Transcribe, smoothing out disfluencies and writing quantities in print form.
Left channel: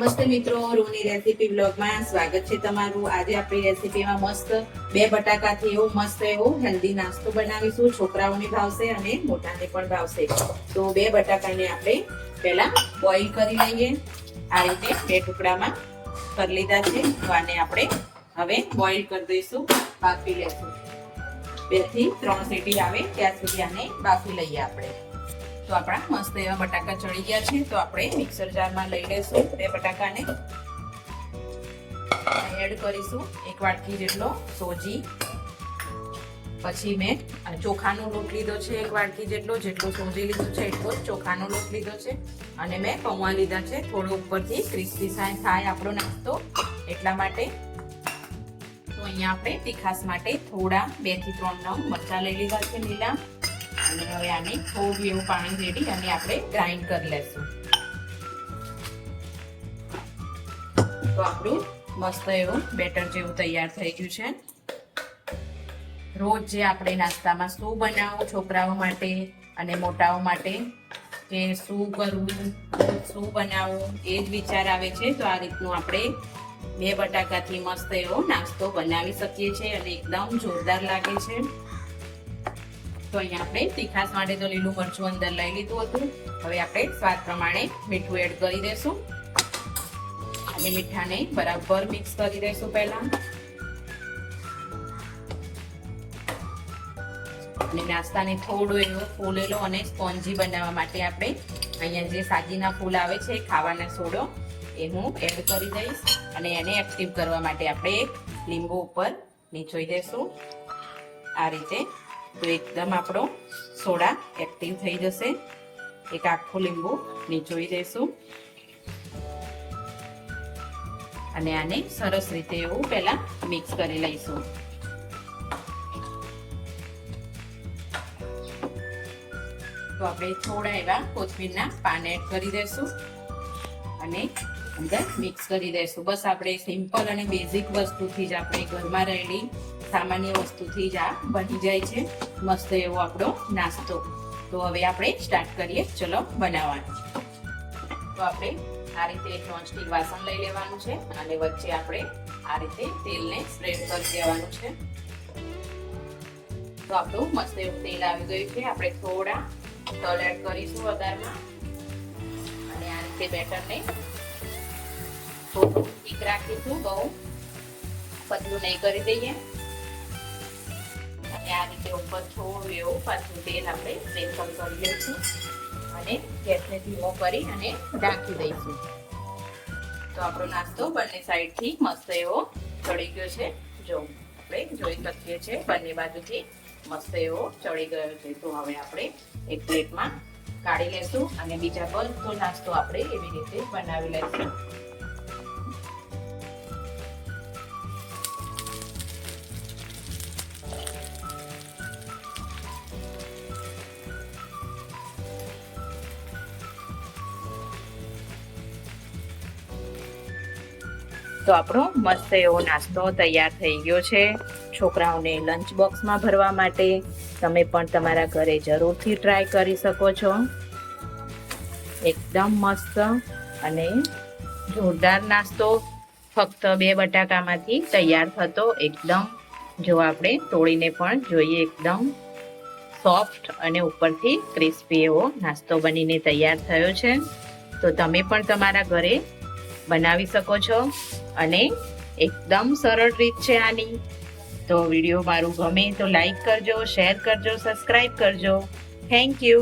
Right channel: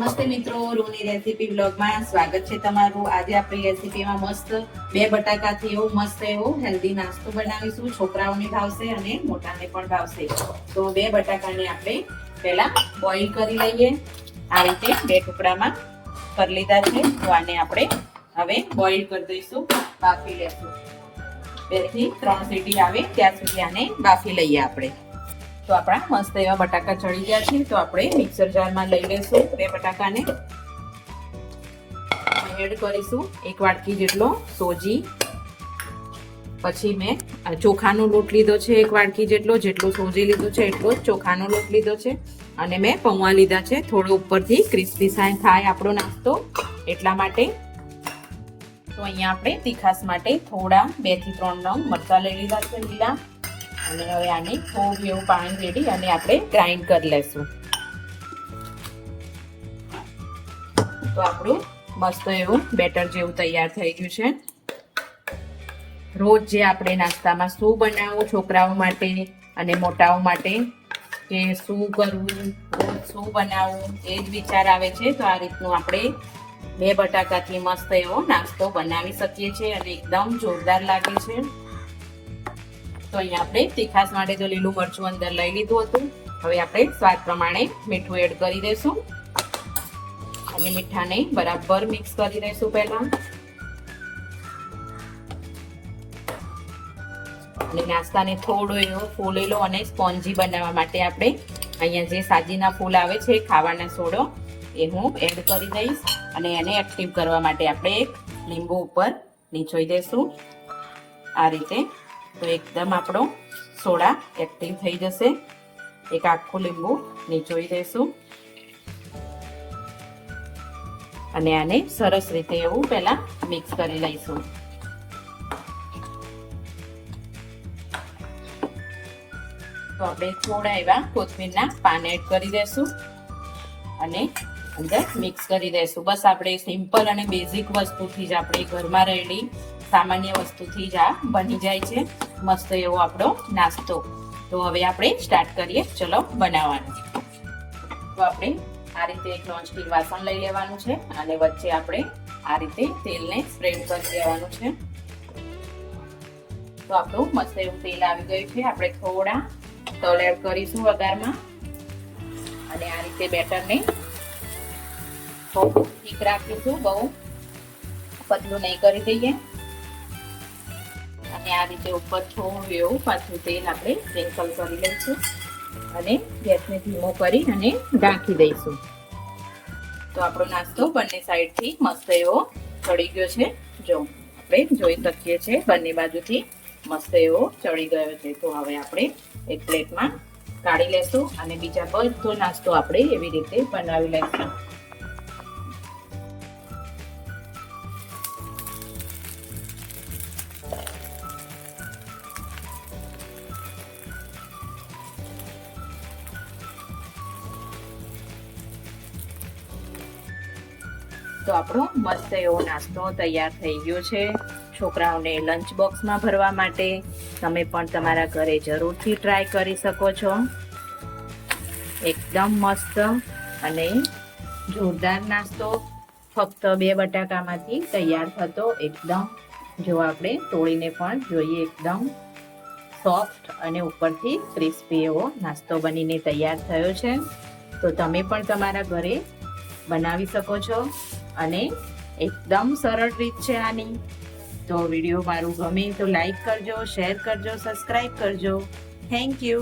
નમસ્તે મિત્રો, રૂની રેસીપી બ્લોગમાં સ્વાગત છે તમારું। આજે આપણી રેસીપીમાં મસ્ત બે બટાકાથી એવું મસ્ત એવું હેલ્ધી નાસ્તો બનાવીશું। છોકરાઓને ભાવશે અને મોટાને પણ ભાવશે। તો બે બટાકાને આપણે પહેલા બોઇલ કરી લઈએ। આ રીતે બે ટુકડામાં કરી લીધા છે। તો આને આપણે હવે બોઇલ કરી દઈશું, બાફી લેશું। 2 થી 3 સીટી આવે ત્યાં સુધી આને બાફી લઈએ આપણે। તો આપણા મસ્ત એવા બટાકા ચડી ગયા છે। તો આપણે મિક્સર જારમાં લઈ લેશું બે બટાકાને, એડ કરીશું 1 વાટકી જેટલો સોજી। પછી મેં ચોખાનો લોટ લીધો છે 1 વાટકી જેટલો, જેટલું સોજી લીધું છે એટલો જ ચોખાનો લોટ લીધો છે। અને મેં પૌવા લીધા છે, થોડો ઉપરથી ક્રિસ્પી થાય આપણો નાસ્તો એટલા માટે। તો અહીંયા આપણે તીખાસ માટે થોડા 2 થી 3 નંગ મરચાં લઈ લીધા છે લીલા। અને હવે આને થોડું એવું પાણી રેડી અને આપણે ગ્રાઇન્ડ કરી લેશું। તો આપણું મસ્ત એવું બેટર જેવું તૈયાર થઈ ગયું છે। રોજ જે આપણે નાસ્તામાં શું બનાવવું છોકરાઓ માટે અને મોટાઓ માટે, કે શું કરવું, શું બનાવવું એ જ વિચાર આવે છે। તો આ રીતનું આપણે બે બટાકાથી મસ્ત એવો નાસ્તો બનાવી શકીએ છીએ અને એકદમ જોરદાર લાગે છે। તો અહીંયા આપણે તીખાસ માટે તો લીલું મરચું અંદર લઈ લીધું હતું। હવે આપણે સ્વાદ પ્રમાણે મીઠું એડ કરી દઈશું અને મીઠાને બરાબર મિક્સ કરી દઈશું પહેલા। અને નાસ્તાને થોડો એવો ફૂલેલો અને સ્પોન્જી બનાવવા માટે આપણે અહીંયા જે સાજીના ફૂલ આવે છે ખાવાના સોડો એ હું એડ કરી દઈશ અને એને એક્ટિવ કરવા માટે આપણે એક લીંબુ ઉપર નીચોઈ દઈશું આ રીતે। તો એકદમ આપણો સોડા એક્ટિવ થઈ જશે। એક આખું લીંબુ નીચોઈ દઈશું અને આને સરસ રીતે એવું પહેલા મિક્સ કરી લઈશું। તો આપણે થોડા એવા કોથમીરના પાન એડ કરી દઈશું અને અંદર મિક્સ કરી દઈશું। બસ આપણે સિમ્પલ અને બેઝિક વસ્તુથી જ આપણે ઘરમાં રહેલી સામાન્ય વસ્તુથી જ આ બની જાય છે મસ્ત એવો આપણો નાસ્તો। તો હવે આપણે સ્ટાર્ટ કરીએ, ચલો બનાવવાનું। તો આપણે આ રીતે એક નોનસ્ટિક વાસણ લઈ લેવાનું છે અને વચ્ચે આપણે આ રીતે તેલને સ્પ્રેડ કરી દેવાનું છે। તો આપણું મસ્ત એવું તેલ આવી ગયું છે। આપણે થોડા તલ એડ કરીશું વઘારમાં અને આ રીતે બેટરને થોડું ઠીક રાખીશું, બહુ પતલું નહીં કરી દઈએ। આ રીતે ઉપર થોડું એવું પાછું તેલ આપણે સ્પ્રિંકલ કરી લઈશું અને ગેસને ધીમો કરી અને ઢાંકી દઈશું। તો આપણો નાસ્તો બંને સાઈડથી મસ્ત એવો ચડી ગયો છે। જો આપણે જોઈ શકીએ છીએ બંને બાજુથી મસ્ત એવો ચડી ગયો છે। તો હવે આપણે એક પ્લેટમાં કાઢી લેશું અને બીજા બધો નાસ્તો આપણે એવી રીતે બનાવી લઈશું। તો આપણો મસ્ત એવો નાસ્તો તૈયાર થઈ ગયો છે છોકરાઓને લંચ બોક્સમાં ભરવા માટે। તમે પણ તમારા ઘરે જરૂરથી ટ્રાય કરી શકો છો। એકદમ મસ્ત અને જોરદાર નાસ્તો ફક્ત 2 બટાકામાંથી તૈયાર થતો। એકદમ જો આપણે તોડીને પણ જોઈએ, એકદમ સોફ્ટ અને ઉપરથી ક્રિસ્પી એવો નાસ્તો બનીને તૈયાર થયો છે। તો તમે પણ તમારા ઘરે બનાવી શકો છો અને એકદમ સરળ રીત છે આની। તો વિડીયો મારું ગમે તો લાઈક કરજો, શેર કરજો, સબસ્ક્રાઈબ કરજો। Thank you.